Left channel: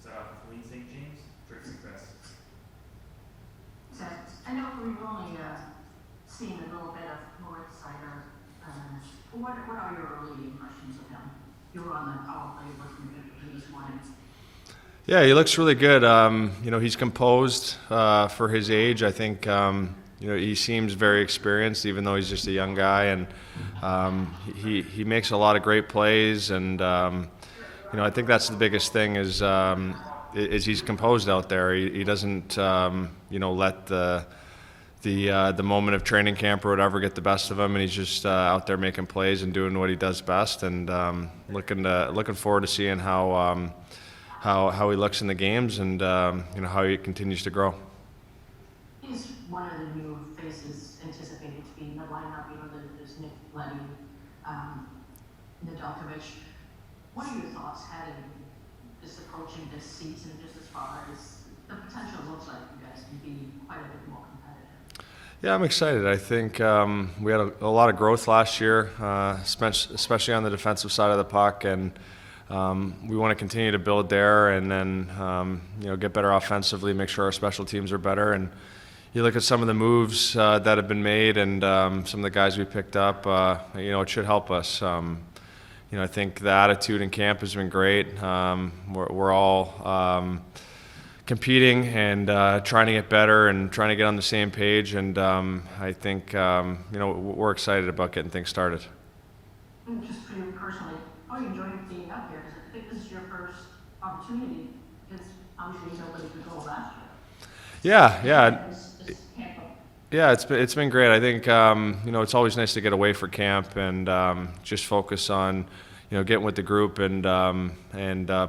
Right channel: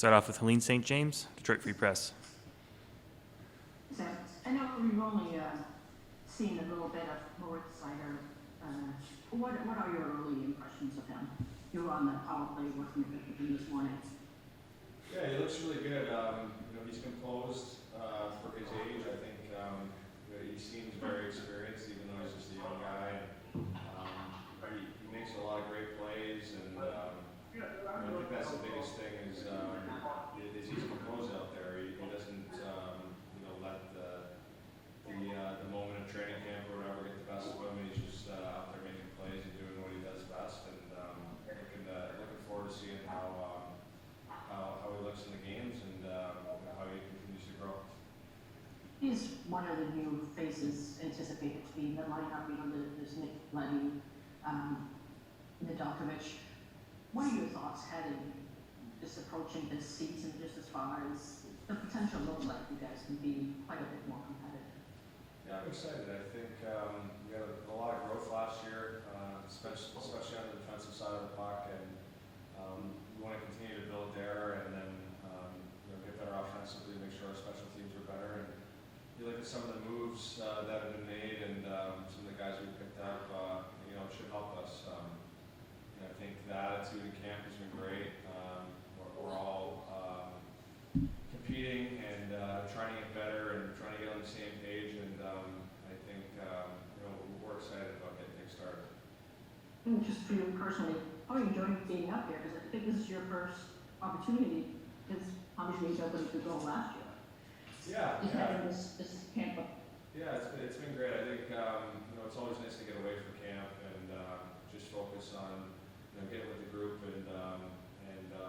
Start off with Helene St. James, Detroit Free Press. I know we've only seen a little bit of North Sider. What are your early impressions of him? You were on the power play working with him this morning. Yeah, he looks really good. He's composed for his age. I think he seems very experienced, even though he's just a young guy, and he makes a lot of great plays. And I think that's the biggest thing is he's composed out there. He doesn't let the moment of training camp or whatever get the best of him, and he's just out there making plays and doing what he does best. And looking forward to seeing how he looks in the games and how he continues to grow. He's one of the new faces anticipated to be in the lineup. There's Nick Leddy, Nedeljkovic. What are your thoughts heading just approaching this season, just as far as the potential looks like you guys can be quite a bit more competitive? Yeah, I'm excited. I think we had a lot of growth last year, especially on the defensive side of the puck, and we want to continue to build there, and then get better offensively, make sure our special teams are better. And you look at some of the moves that have been made, and some of the guys we picked up. It should help us. I think the attitude in camp has been great. We're all competing and trying to get better and trying to get on the same page. And I think we're excited about getting things started. Just for you personally, how are you enjoying being out here? Because I think this is your first opportunity. Because obviously he's open to go last year. Yeah, it's been great. I think it's always nice to get away for camp and just focus on getting with the group and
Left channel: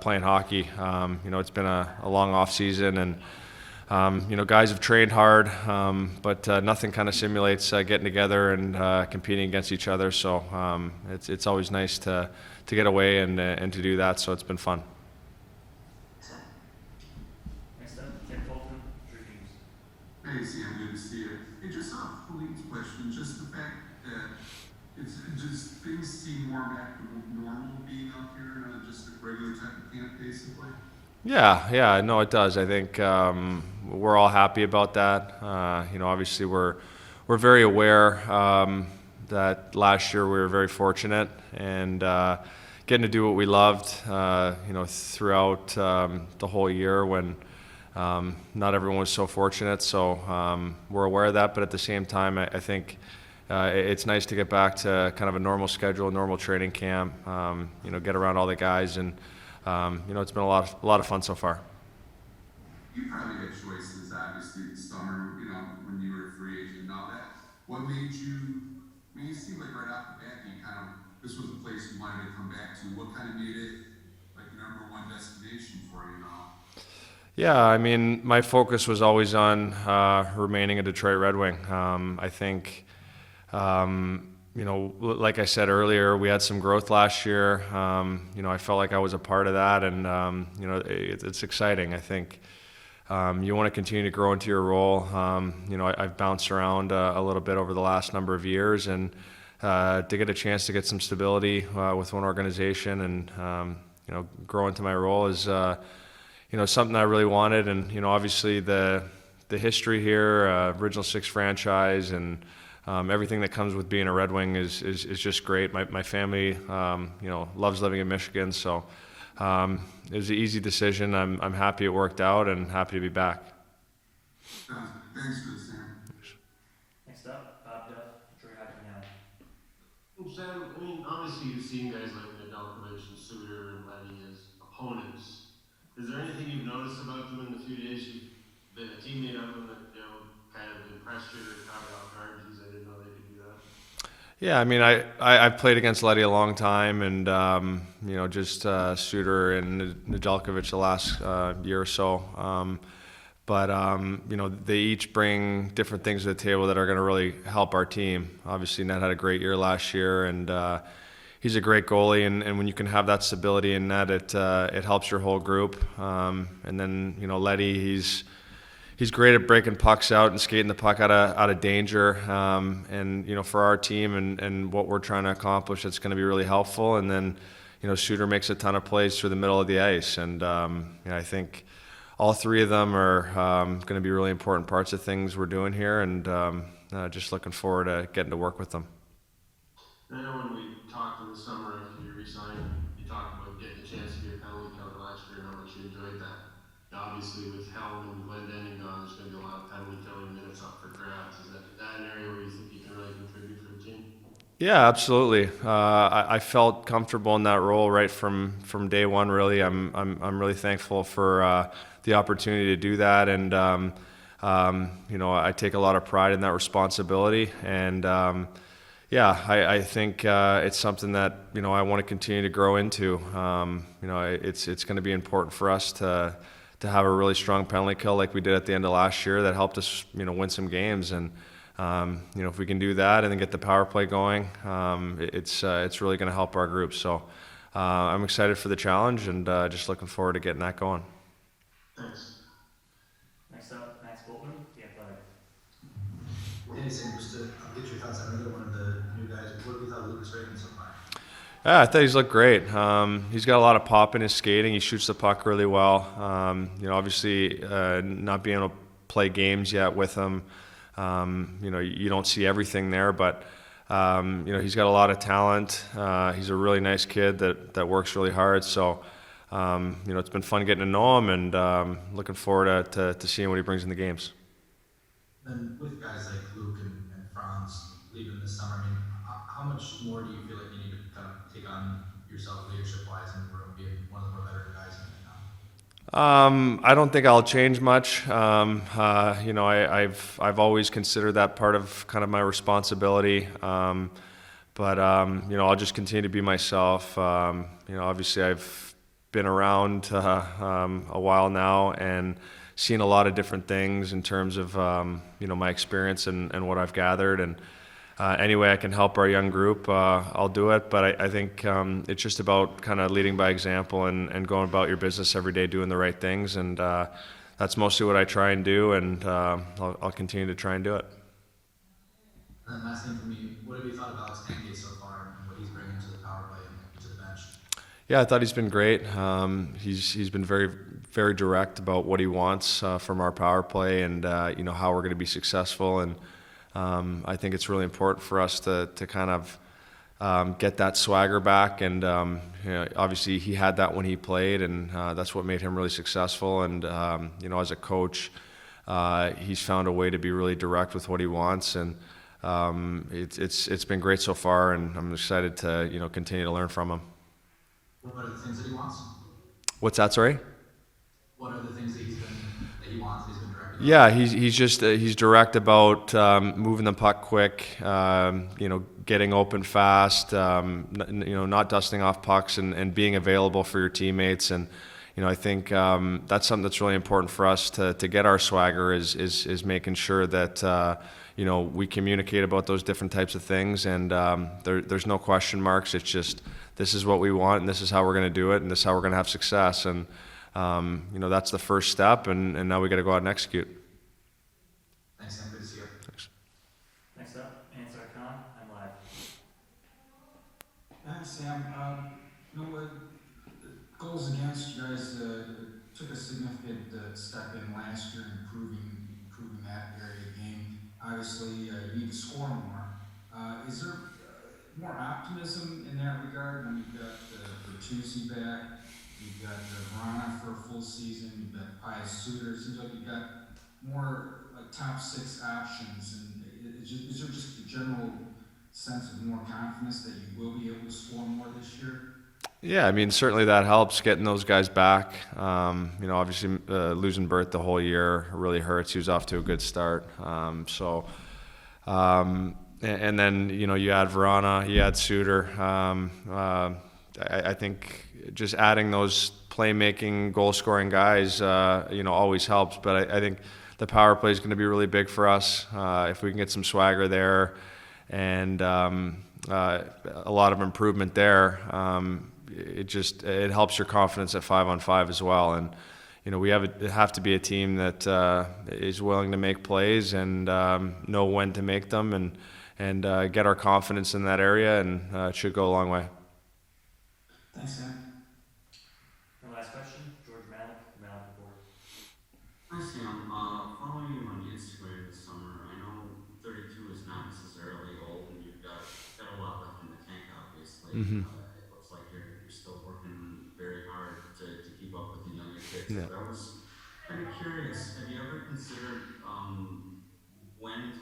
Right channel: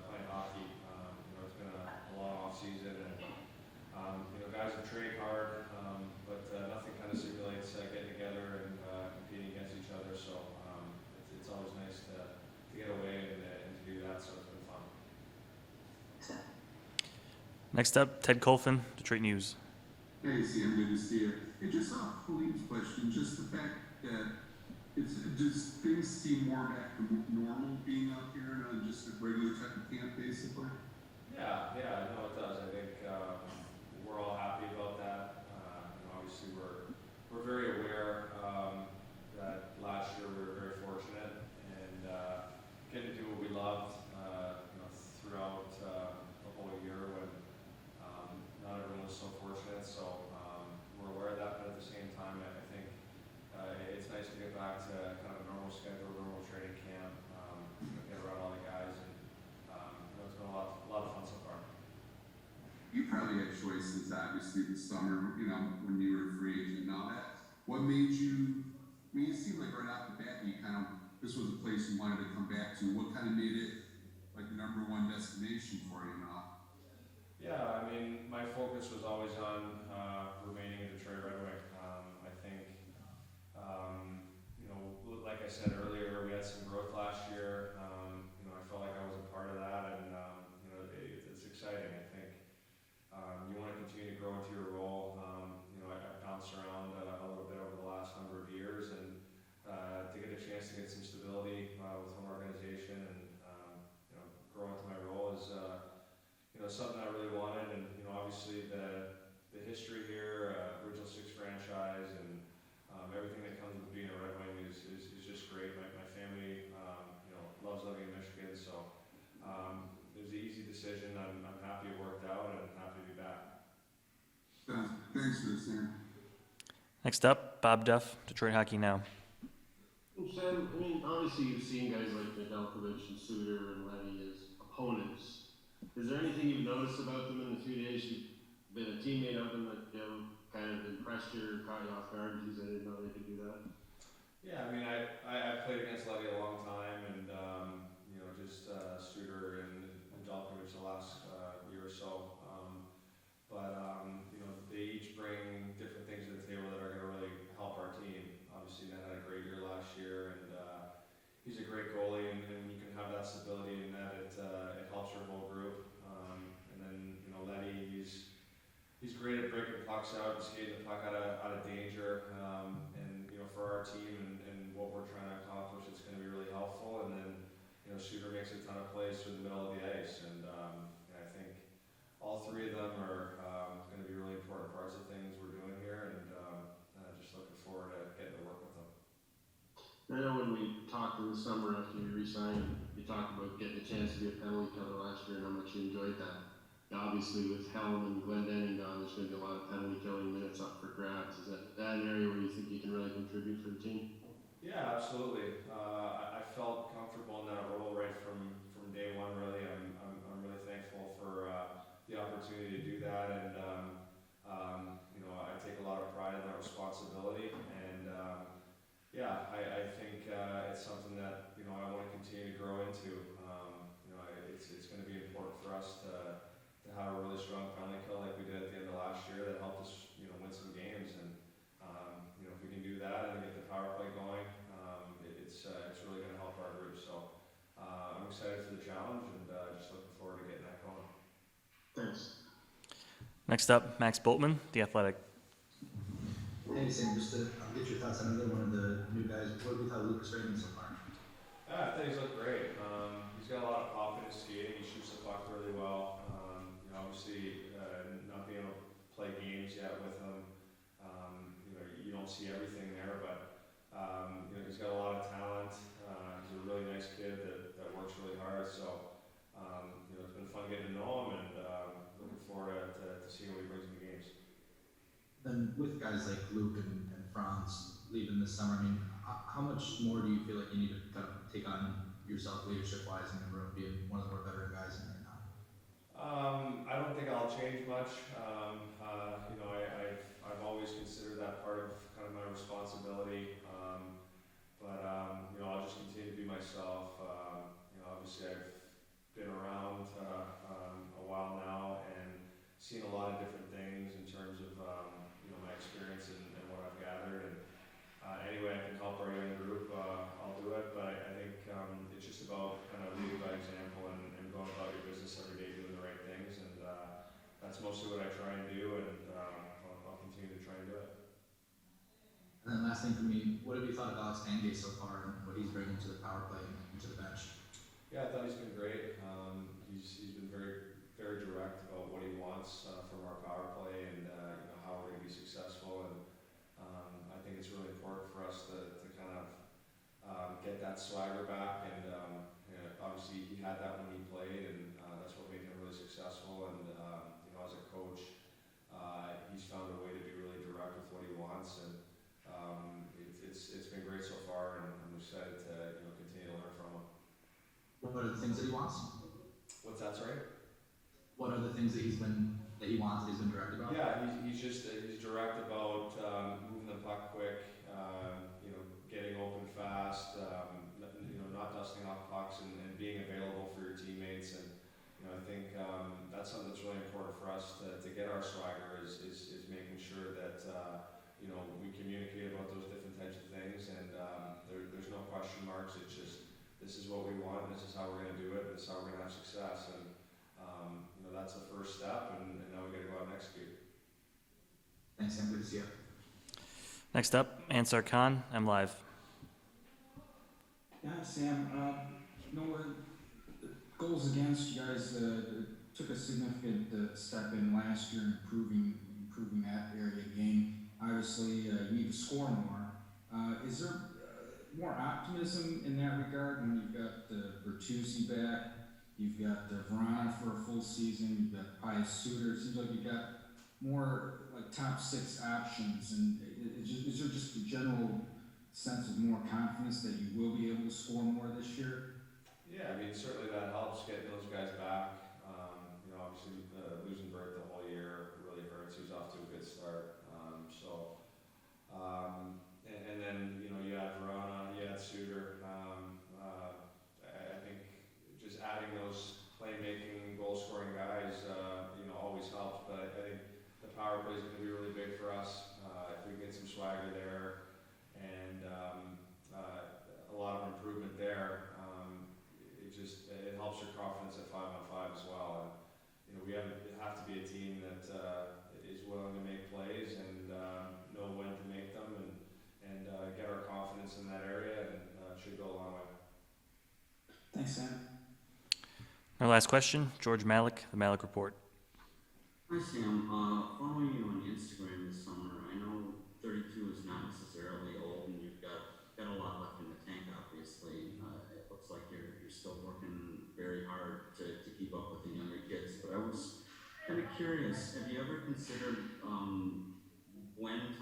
playing hockey. It's been a long off season, and guys have trained hard, but nothing kind of simulates getting together and competing against each other. So it's always nice to get away and to do that. So it's been fun. Next up, Ted Colfin, Detroit News. Hey, Sam, good to see you. Hey, just off Philippe's question, just the fact that does things seem more back to normal being out here and just a regular type of camp, basically? Yeah, no, it does. I think we're all happy about that. Obviously we're very aware that last year we were very fortunate and getting to do what we loved, throughout the whole year when not everyone was so fortunate. So we're aware of that, but at the same time, I think it's nice to get back to kind of a normal schedule, normal training camp, get around all the guys, and it's been a lot of fun so far. You probably had choices, obviously, this summer, when you were a free agent. Now what made you, it seemed like right off the bat, this was a place you wanted to come back to. What kind of made it like the number one destination for you now? Yeah, my focus was always on remaining a Detroit Red Wing. I think, like I said earlier, we had some growth last year. I felt like I was a part of that, and it's exciting. I think you want to continue to grow into your role. I've bounced around a little bit over the last number of years, and to get a chance to get some stability with one organization and grow into my role is something I really wanted. And obviously the history here, original six franchise, and everything that comes with being a Red Wing is just great. My family loves living in Michigan, so it was an easy decision. I'm happy it worked out and happy to be back. Thanks for this, Sam. Next up, Bob Duff, Detroit Hockey Now. Sam, obviously you've seen guys like Nedeljkovic and Suter and Leddy as opponents. Is there anything you've noticed about them in the few days you've been a teammate of them that kind of impressed you or caught you off guard? Geez, I didn't know they could do that. Yeah, I've played against Leddy a long time, and just Suter and Nedeljkovic the last year or so. But they each bring different things to the table that are going to really help our team. Obviously, Ned had a great year last year, and he's a great goalie. And when you can have that stability in net, it helps your whole group. And then Leddy, he's great at breaking pucks out and skating the puck out of danger. And for our team and what we're trying to accomplish, it's going to be really helpful. And then Suter makes a ton of plays through the middle of the ice, and I think all three of them are going to be really important parts of things we're doing here, and just looking forward to getting to work with them. I know when we talked in the summer after you resigned, you talked about getting a chance to be a penalty killer last year and how much you enjoyed that. Now, obviously, with Helm and Glendening gone, there's going to be a lot of penalty killing minutes up for grabs. Is that an area where you think you can really contribute for the team? Yeah, absolutely. I felt comfortable in that role right from day one. Really, I'm really thankful for the opportunity to do that, and I take a lot of pride in that responsibility. And I think it's something that I want to continue to grow into. It's going to be important for us to have a really strong penalty kill like we did at the end of last year that helped us win some games. And if we can do that and then get the power play going, it's really going to help our group. So I'm excited for the challenge, and just looking forward to getting that going. Thanks. Next up, Max Boltman, The Athletic. Hey Sam, just to get your thoughts on another one of the new guys. What have you thought of Lucas Raymond so far? Yeah, I thought he's looked great. He's got a lot of pop in his skating. He shoots the puck really well. Obviously, not being able to play games yet with him, you don't see everything there, but he's got a lot of talent. He's a really nice kid that works really hard. So, it's been fun getting to know him, and looking forward to seeing what he brings in the games. Then with guys like Luke and Franz leaving this summer, how much more do you feel like you need to kind of take on yourself leadership-wise in the room, being one of the more veteran guys in the town? I don't think I'll change much. I've always considered that part of kind of my responsibility. But I'll just continue to be myself. Obviously I've been around a while now and seen a lot of different things in terms of my experience and what I've gathered. And any way I can help our young group, I'll do it. But I think it's just about kind of leading by example and going about your business every day, doing the right things. And that's mostly what I try and do, and I'll continue to try and do it. And then last thing for me, what have you thought about Stange so far and what he's bringing to the power play and to the bench? Yeah, I thought he's been great. He's been very, very direct about what he wants from our power play, and how we're going to be successful. And I think it's really important for us to kind of get that swagger back. And obviously he had that when he played, and that's what made him really successful. And as a coach, he's found a way to be really direct with what he wants, and it's been great so far. And I'm excited to continue to learn from him. What are the things that he wants? What's that? Sorry. What are the things that he wants? He's been direct about? Yeah, he's direct about moving the puck quick, getting open fast, not dusting off pucks, and being available for your teammates. And I think that's something that's really important for us to get our swagger is making sure that we communicate about those different types of things. And there's no question marks. It's just, this is what we want, and this is how we're going to do it, and this is how we're going to have success. And that's the first step, and now we got to go out and execute. Thanks, Sam. Good to see you. Thanks. Next up, Ansar Khan, M Live. Yeah, Sam. Goals against, you guys took a significant step in last year in improving that area of the game. Obviously, you need to score more. Is there more optimism in that regard when you've got Bertuzzi back, you've got Vrana for a full season, you've got Pius Suter? It seems like you've got more like top six options, and is there just a general sense of more confidence that you will be able to score more this year? Yeah, I mean, certainly that helps getting those guys back. Obviously losing Bert the whole year really hurts. He was off to a good start. And then, you add Verana, you add Suter. I think just adding those playmaking, goal-scoring guys, always helps. But I think the power play is going to be really big for us. If we can get some swagger there and a lot of improvement there, it helps your confidence at 5-on-5 as well. And we have to be a team that is willing to make plays and know when to make them, and get our confidence in that area, and it should go a long way. Thanks, Sam. Our last question, George Malik, the Malik Report. Hi Sam, following you on Instagram this summer, I know 32 is not necessarily old and you've got a lot left in the tank obviously. It looks like you're still working very hard to keep up with the younger kids. Yeah. But I was kind of curious, have you ever considered when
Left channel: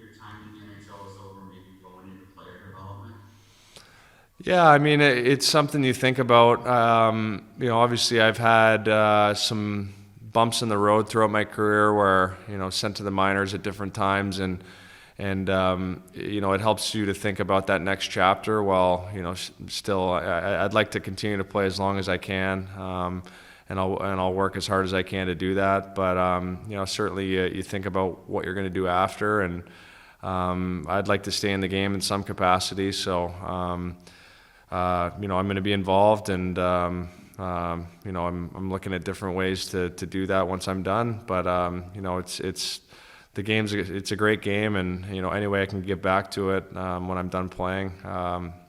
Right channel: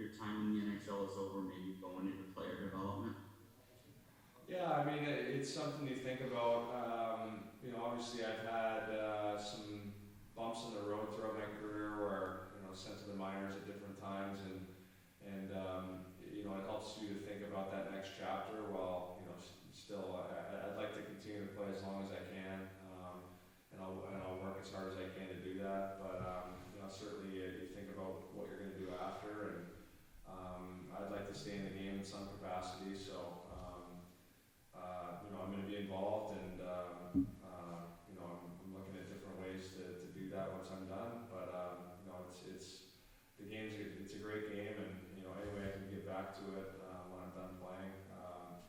your time in the NHL is over, maybe going into player development? Yeah, I mean, it's something you think about. You know, obviously I've had some bumps in the road throughout my career where, you know, sent to the minors at different times, and you know, it helps you to think about that next chapter while, you know, still I'd like to continue to play as long as I can, and I'll work as hard as I can to do that. But you know, certainly you think about what you're going to do after, and I'd like to stay in the game in some capacity. So you know, I'm going to be involved, and you know, I'm looking at different ways to do that once I'm done. But you know, it's a great game, and you know, any way I can get back to it when I'm done playing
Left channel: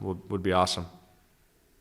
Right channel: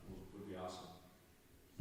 would be awesome.